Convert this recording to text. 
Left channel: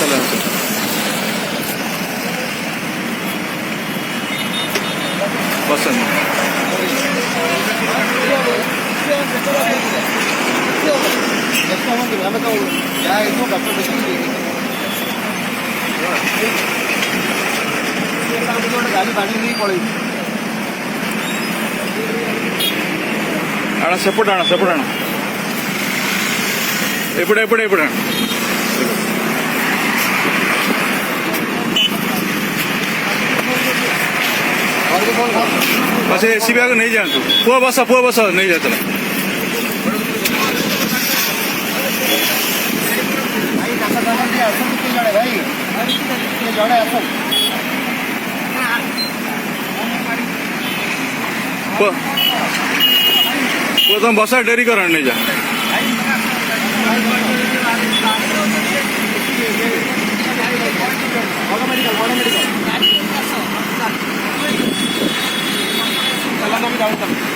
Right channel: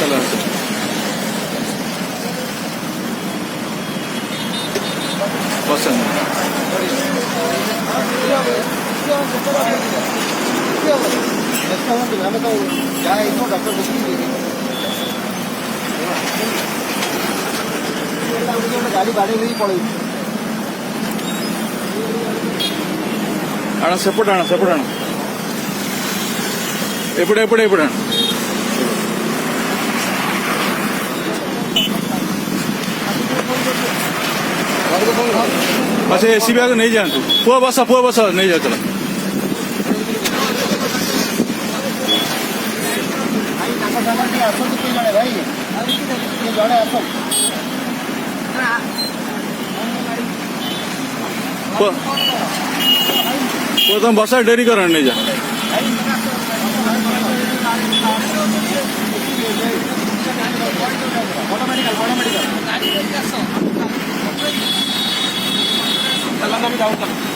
चला पसंद गाड़ी बाड़ी नहीं पड़े आना सेपट आना एपड़े अच्छा एसी बैग नहीं जान तू पुआ बसा नहीं जा चला तुम बसा डेरी कर नहीं जा मेडिकल